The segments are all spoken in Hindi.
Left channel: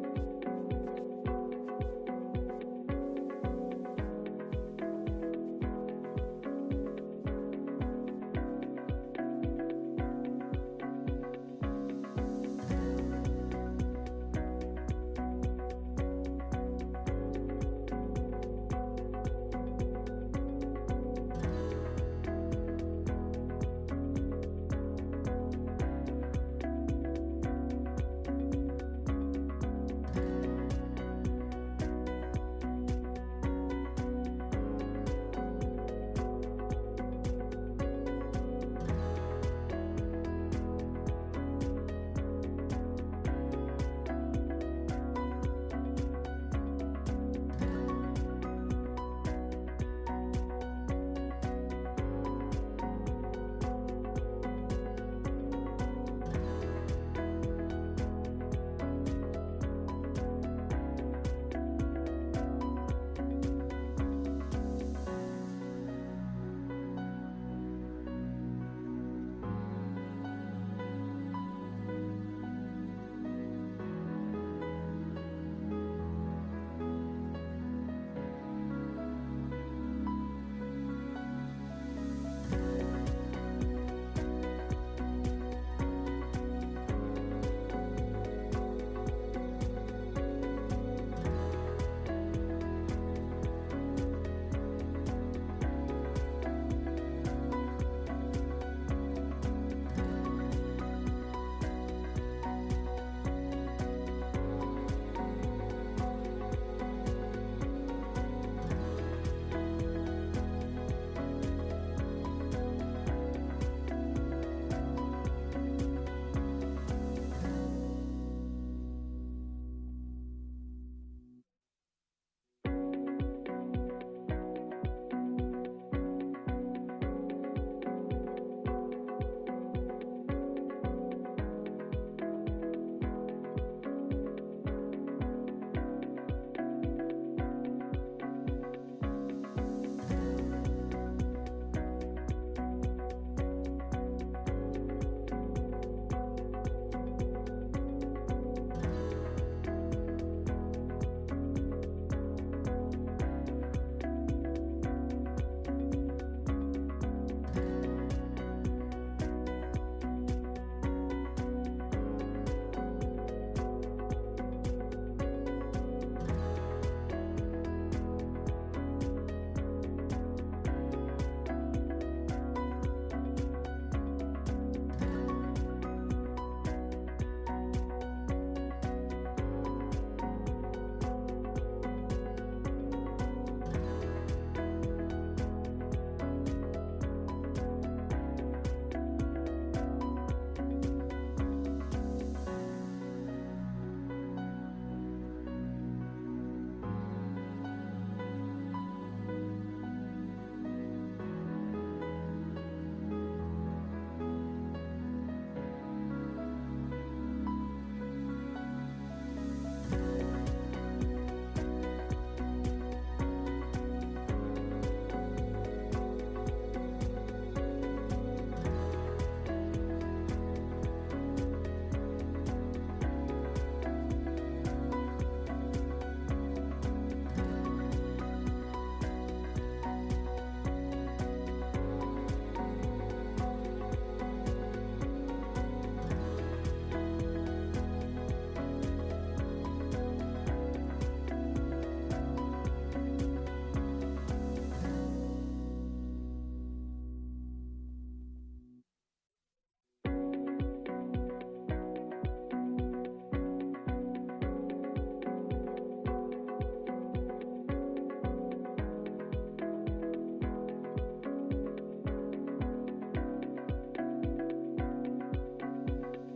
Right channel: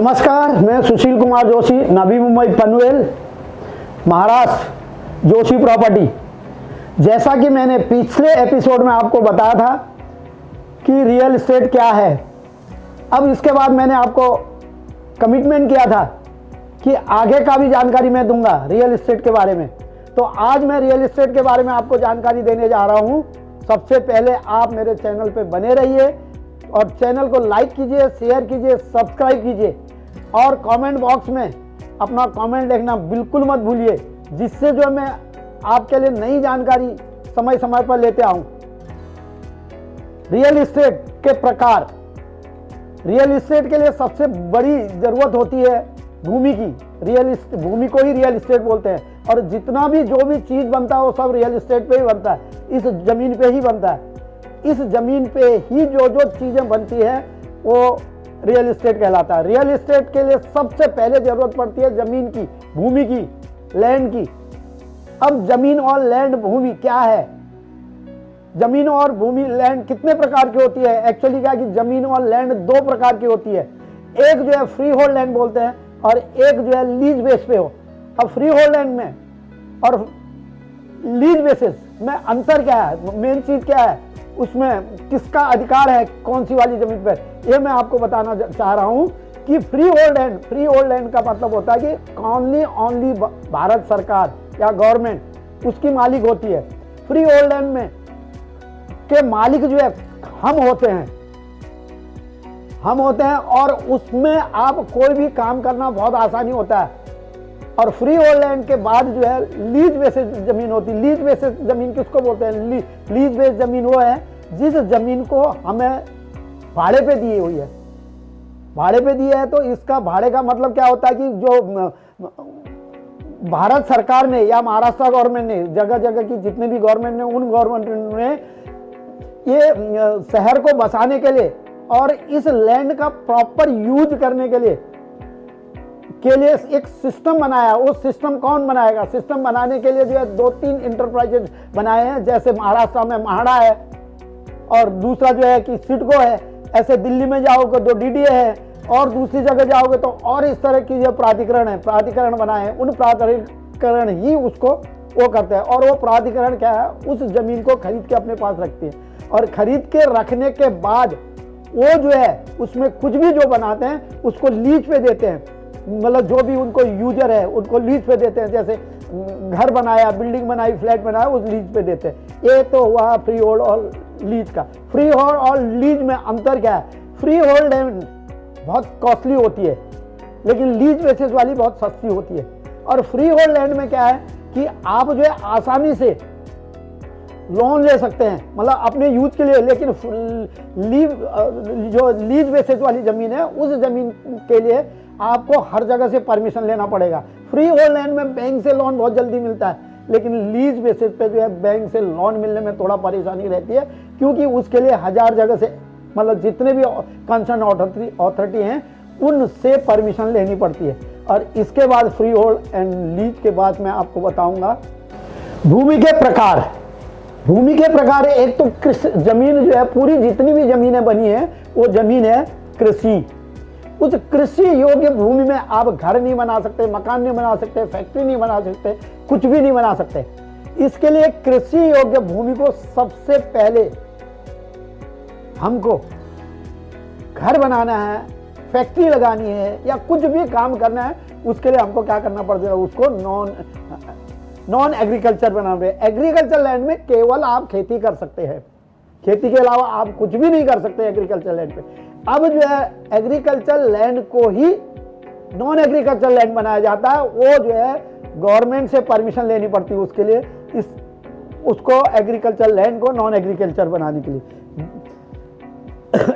नमस्कार, मैं सुशील कुमार जोशी, नवी मुंबई पनवेल, महाराष्ट्र, जोशी प्रॉपर्टी। जैसा कि मैंने पिछले एपिसोड में आपको बताया था कि रियल एस्टेट क्या है, अब इसके बाद मैंने आपको कमिटमेंट किया था कि आगे का भी जानकारी मैं दूंगा रियल एस्टेट के बारे में। तो आज मैं रियल एस्टेट के बारे में आपको जानकारी देने जा रहा हूं। सबसे पहले आप मेरे चैनल पे बने रहिए और चैनल को लाइक कीजिए, शेयर कीजिए, सब्सक्राइब कीजिए और कमेंट बॉक्स में अपना कमेंट लिखना बिल्कुल मत भूलिए, जिससे जो मैं आपके लिए नई जानकारी समय समय पर लेते आऊं। रियल एस्टेट के प्रकार। रियल एस्टेट के लिए सबसे बड़ी जरूरत होती है भूमि की। भूमि को ही रियल एस्टेट बोलते हैं और जितना भी जो भी चीज बनता है वो सब रियल एस्टेट पे ही बनता है, इस जमीन पे ही बनता है। इस जमीन पे ही जो जो चीजें बनती है वो रियल एस्टेट कहलाता है। रियल एस्टेट के लिए सबसे पहले जरूरत पड़ती है जमीन की, भूमि की, लैंड की। अब जमीन और लैंड, भूमि क्या है? जमीन और भूमि, लैंड कितने प्रकार की होती है? एक्चुअली क्या है कि जमीन और लैंड दो प्रकार की होती है। एक जो है फ्री होल्ड लैंड बोलते हैं और एक जो है लीज बेस पे हो। अब फ्री होल्ड लैंड में और लीज बेसिस में अंतर क्या है, मेन चीज क्या है, उसमें किसका अधिकार है कौन सी वाली जमीन पर, यह मैं आपको बताना चाह रहा हूं कि फ्री होल्ड लैंड का मतलब होता है कि ओनली भारत सरकार या गवर्नमेंट उसकी मालिक होती है। फ्री होल्ड लैंड में के मालिक जो है हम होते हैं और उसमें आप कोई भी काम करना बहुत आसानी होता है। और फ्री होल्ड लैंड के बाद जो है लीज बेसिस जमीन होती है। लीज बेसिस जमीन किसको बोलते हैं? लीज बेस जमीन वो है जिस जमीन को हमें भाड़े पे दी हुई है। भाड़े पे दी है तो इसका भाड़े का मतलब क्या होता है कि जो भारत सरकार ने या महाराष्ट्र गवर्नमेंट ने, जगह जगह की जितने भी गवर्नमेंट ने, उन गवर्नमेंट ने ये शहर को बसाने के लिए और इस लैंड का प्रॉपर यूज करने के लिए एक सिस्टम बनाया। वो सिस्टम कौन बनाएगा? सिस्टम बनाने के लिए जो है 2-3 इंटरप्राइजेज बनाए हैं। जैसे महाराष्ट्र में महाड़ा है और दूसरा जो है कि सिडको है। ऐसे दिल्ली में जाओगे तो डीडीए है और दूसरी जगह जाओगे तो और इस तरह की जो प्राधिकरण बनाए हैं। उन प्राधिकरण ही उसको वो करते हैं और वो प्राधिकरण क्या है, उस जमीन को खरीद के अपने पास रखते हैं और खरीद के रखने के बाद वो जो है उसमें कुछ भी जो बनाते हैं उसको लीज पे देते हैं। मतलब जो भी उनको यूजर है उनको लीज पे देते हैं। जैसे घर बनाया, बिल्डिंग बनाई, फ्लैट बनाया, उस लीज पे देते हैं। ये तो हुआ फ्री होल्ड और लीज का। फ्री होल्ड और लीज में अंतर क्या है? फ्री होल्ड लैंड बहुत कॉस्टली होती है लेकिन लीज बेसिस वाली बहुत सस्ती होती है। और फ्री होल्ड लैंड में क्या है कि आप जो है आसानी से लोन ले सकते हैं, मतलब अपने यूज के लिए। लेकिन जो लीज बेसिस वाली जमीन है उस जमीन के लिए आपको हर जगह से परमिशन लेना पड़ेगा। फ्री होल्ड लैंड में बैंक से लोन बहुत जल्दी मिलता है लेकिन लीज बेसिस पे जो है बैंक से लोन मिलने में थोड़ा परेशानी रहती है, क्योंकि उसके लिए 1000 जगह से, मतलब जितने भी कंसर्न अथॉरिटी हैं उनसे परमिशन लेनी पड़ती है। और इसके बाद फ्री होल्ड एंड लीज के बाद मैं आपको बताऊंगा भूमि के प्रकार। भूमि के प्रकार एक तो जमीन जो है, पूरी जितनी भी जमीनें बनी है वो जमीन है कृषि। उस कृषि योग्य भूमि में आप घर नहीं बना सकते, मकान नहीं बना सकते, फैक्ट्री नहीं बना सकते, कुछ भी नहीं बना सकते। इसके लिए कृषि योग्य भूमि को सबसे पहले हमको घर बनाना है, फैक्ट्री लगानी है या कुछ भी काम करना है, उसके लिए हमको क्या करना पड़ता है? उसको नॉन एग्रीकल्चर बनाना है। एग्रीकल्चर लैंड में केवल आप खेती कर सकते हैं, खेती के अलावा आप कुछ भी नहीं कर सकते एग्रीकल्चर लैंड पे। अब जो है एग्रीकल्चर लैंड को ही नॉन एग्रीकल्चर लैंड बनाया जाता है। वो जो है गवर्नमेंट से परमिशन लेनी पड़ती है उसके लिए, उसको एग्रीकल्चर लैंड को नॉन एग्रीकल्चर बनाने के लिए।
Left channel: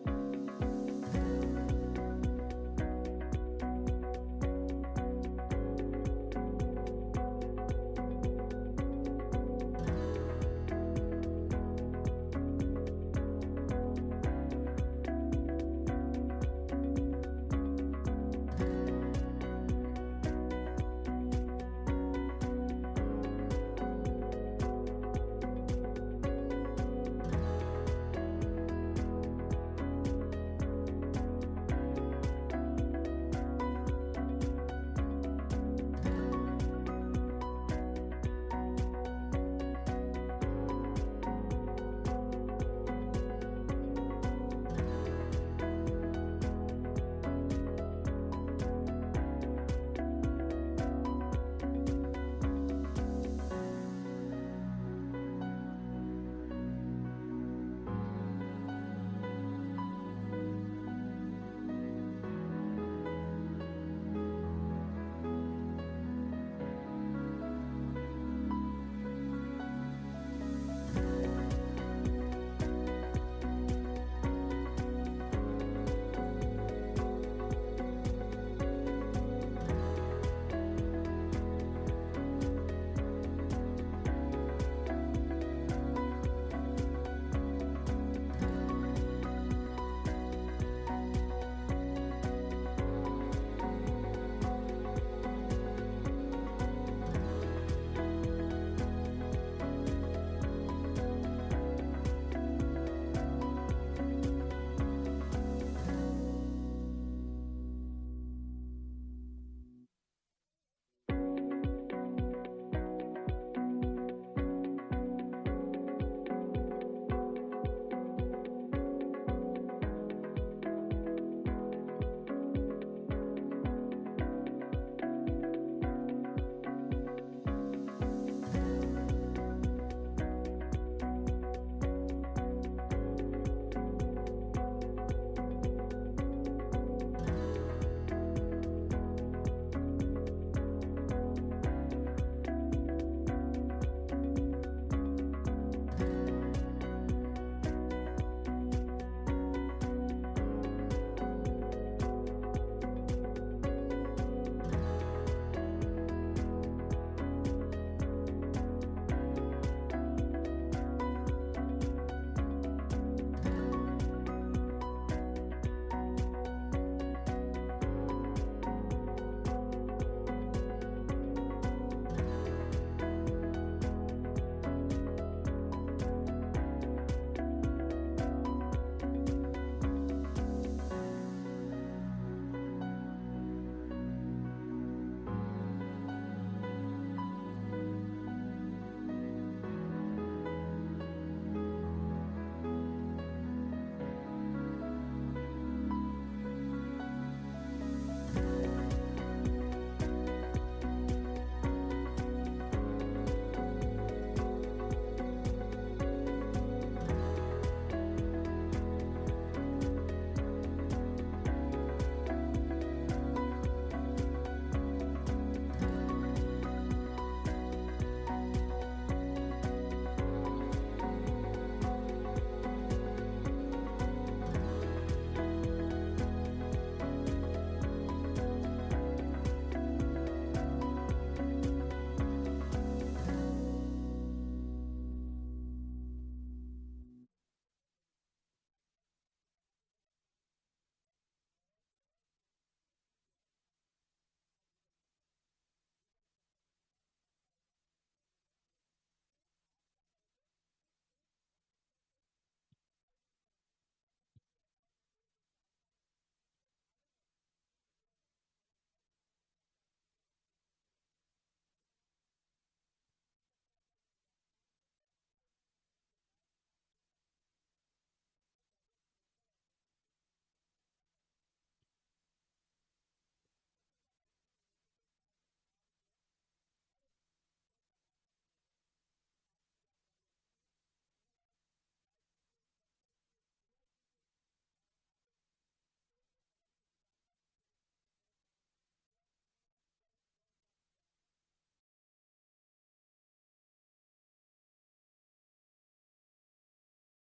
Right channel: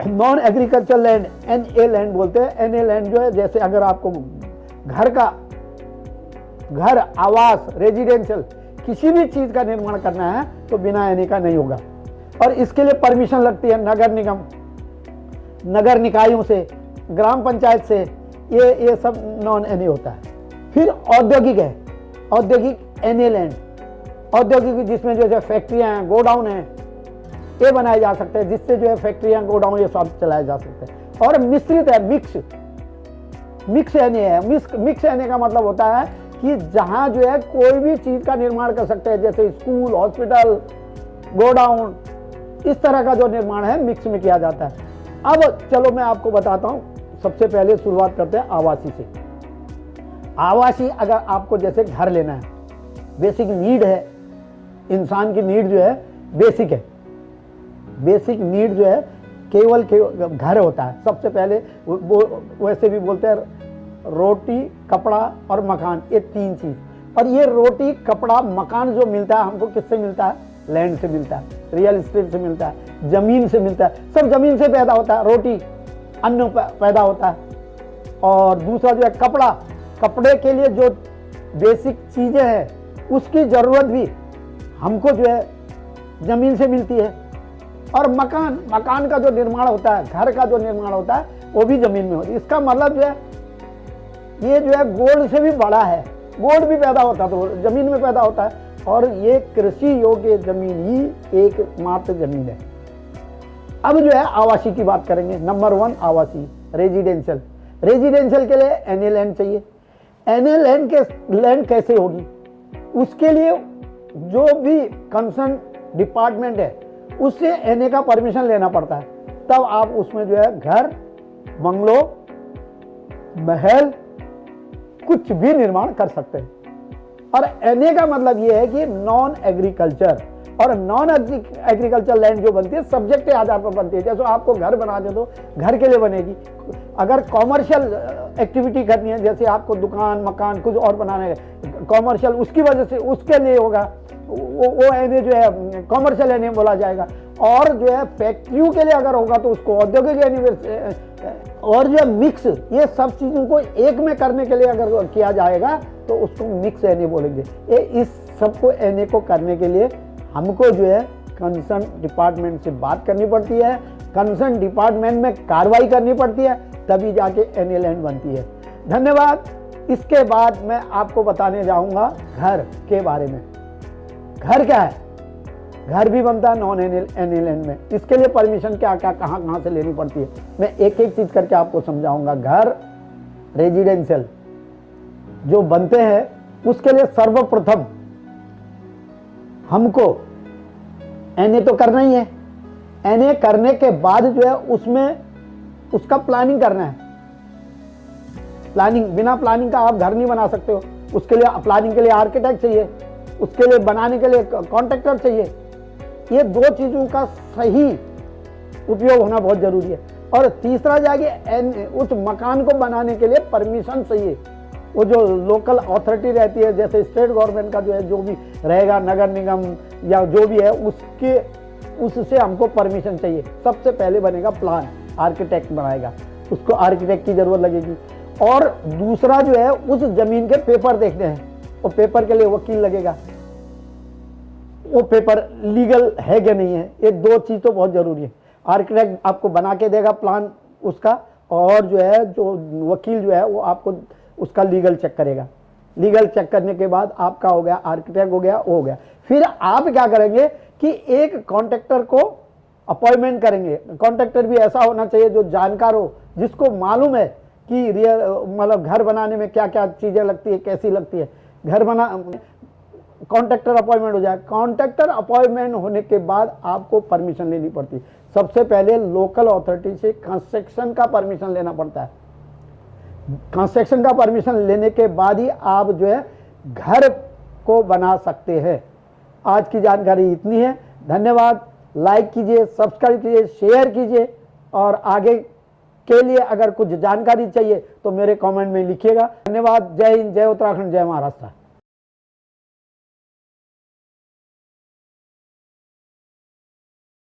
Non agriculture land NA land बोलते हैं। NA लैंड जो है, जैसे अगर आपको घर, आवास, रेजिडेंशियल किसी भी चीज का निर्माण करना है तो बिना NA का नहीं होगा। और इसके लिए परमिशन लगती है नगर निगम, नगर निकायों से, ग्राम पंचायत से। ये सब नॉन NA होता है। फिर औद्योगिक है, औद्योगिक NA लैंड। औद्योगिक जिसमें जो है फैक्ट्रियां हैं, गोडाउन है, ये बनाए जा सकते हैं, जिससे जो है फैक्ट्रियां, गोडाउन ये सब चलाए जा सकते हैं। और मिश्रित है, मिक्स मिक्स एनए है। मिक्स एनए का मतलब होता है कि जहां जो है कोई भी चीज का निर्माण कर सकते हैं, जैसे स्कूल, हॉस्पिटल, गोडाउन, इस तरह का जो निर्माण है मिक्स में किया जाता है। अब चलो मैं आपको बताता हूं, सबसे पहले शुरुआत करते हैं आवासीय से। आवासीय, अगर आपको जैसे घर लेना है, बेसिक नीड है, इंसान की नीड जो है बेसिक है। बेसिक नीड जो है केवल घर होता है। सबसे पहले वो वैसे भी बोलते हैं रोटी, कपड़ा और मकान, ये 3 चीज। और ये रोटी, कपड़ा, मकान जो मिलता है हमको किससे मिलता है? लैंड से मिलता है, रियल एस्टेट से मिलता है, जमीन से मिलता है। सब जमीन से पैदा होता है। रोटी, अन्न पैदा होता है। और दूसरा जो है कपड़ा, कपड़े के लिए जो बेसिक चीजें हैं उसकी जरूरत भी हमको जो है जमीन से मिलती है। और मकान, मकान का जो निर्माण होता है, घर का जो निर्माण होता है, वो भी जमीन में होता है। इसका मतलब जो है ये जो है गोल्ड से भी बड़ा है। गोल्ड भी पैदा होता है तो जमीन में पैदा होता है। और ये कृषि योग्य जमीन ही एकमात्र जमीन है। अब जो है आवासीय की बात करेंगे। नंबर 1 आवासीय, रेजिडेंशियल। रेजिडेंशियल के लिए एनए लैंड चाहिए। एनए लैंड कैसे होगी? उसके लिए जो भी कंसर्न डिपार्टमेंट है उससे एनए का परमिशन लेना पड़ता है, तब आप उसमें जो है घर, बंगलो, महल, कुछ भी निर्माण कर सकते हैं। और एनए का मतलब यह है कि नॉन एग्रीकल्चर, और नॉन एग्रीकल्चर लैंड जो बनती है सब्जेक्ट के आधार पर बनती है। जैसे आपको घर बना दे तो घर के लिए बनेगी। अगर कॉमर्शियल एक्टिविटी करनी है, जैसे आपको दुकान, मकान कुछ और बनाना है कॉमर्शियल, उसकी वजह से उसके लिए होगा, वो एनए जो है कॉमर्शियल एनए बोला जाएगा। और जो है फैक्ट्रियों के लिए अगर होगा तो उसको औद्योगिक एनए। और जो है मिक्स, ये सब चीजों को एक में करने के लिए अगर किया जाएगा तो उसको मिक्स एनए बोलेंगे। ये इस सबको एनए को करने के लिए हमको जो है कंसर्न डिपार्टमेंट से बात करनी पड़ती है, कंसर्न डिपार्टमेंट में कार्रवाई करनी पड़ती है, तभी जाके एनए लैंड बनती है। धन्यवाद। इसके बाद मैं आपको बताने जाऊंगा घर के बारे में। घर क्या है? घर भी बनता है नॉन एनए लैंड में। इसके लिए परमिशन क्या क्या कहाँ से लेनी पड़ती है, मैं एक एक चीज करके आपको समझाऊंगा। घर रेजिडेंशियल जो बनते हैं उसके लिए सर्वप्रथम हमको एनए तो करना ही है। एनए करने के बाद जो है उसमें उसका प्लानिंग करना है। प्लानिंग, बिना प्लानिंग का आप घर नहीं बना सकते हो। उसके लिए प्लानिंग के लिए आर्किटेक्ट चाहिए, उसके लिए बनाने के लिए कॉन्ट्रैक्टर चाहिए। ये 2 चीजों का सही उपयोग होना बहुत जरूरी है। और तीसरा जाके उस मकान को बनाने के लिए परमिशन चाहिए। वो जो लोकल अथॉरिटी रहती है, जैसे स्टेट गवर्नमेंट का जो है जो भी रहेगा, नगर निगम या जो भी है, उससे हमको परमिशन चाहिए। सबसे पहले बनेगा प्लान, आर्किटेक्ट बनाएगा, उसको आर्किटेक्ट की जरूरत लगेगी। और दूसरा जो है उस जमीन के पेपर देखने हैं, और पेपर के लिए वकील लगेगा, वो पेपर लीगल है कि नहीं है। ये 2 चीज तो बहुत जरूरी है। आर्किटेक्ट आपको बना के देगा प्लान उसका, और जो है जो वकील जो है वो आपको उसका लीगल चेक करेगा। लीगल चेक करने के बाद आपका हो गया, आर्किटेक्ट हो गया, वो हो गया। फिर आप क्या करेंगे कि एक कॉन्ट्रैक्टर को अपॉइंटमेंट करेंगे। कॉन्ट्रैक्टर भी ऐसा होना चाहिए जो जानकार हो, जिसको मालूम है कि मतलब घर बनाने में क्या क्या चीजें लगती है, कैसी लगती है। घर बना कॉन्ट्रैक्टर अपॉइंटमेंट हो जाए। कॉन्ट्रैक्टर अपॉइंटमेंट होने के बाद आपको परमिशन लेनी पड़ती है। सबसे पहले लोकल अथॉरिटी से कंस्ट्रक्शन का परमिशन लेना पड़ता है। कंस्ट्रक्शन का परमिशन लेने के बाद ही आप जो है घर को बना सकते हैं। आज की जानकारी इतनी है। धन्यवाद। लाइक कीजिए, सब्सक्राइब कीजिए, शेयर कीजिए, और आगे के लिए अगर कुछ जानकारी चाहिए तो मेरे कमेंट में लिखिएगा। धन्यवाद। जय हिंद, जय उत्तराखंड, जय महाराष्ट्र।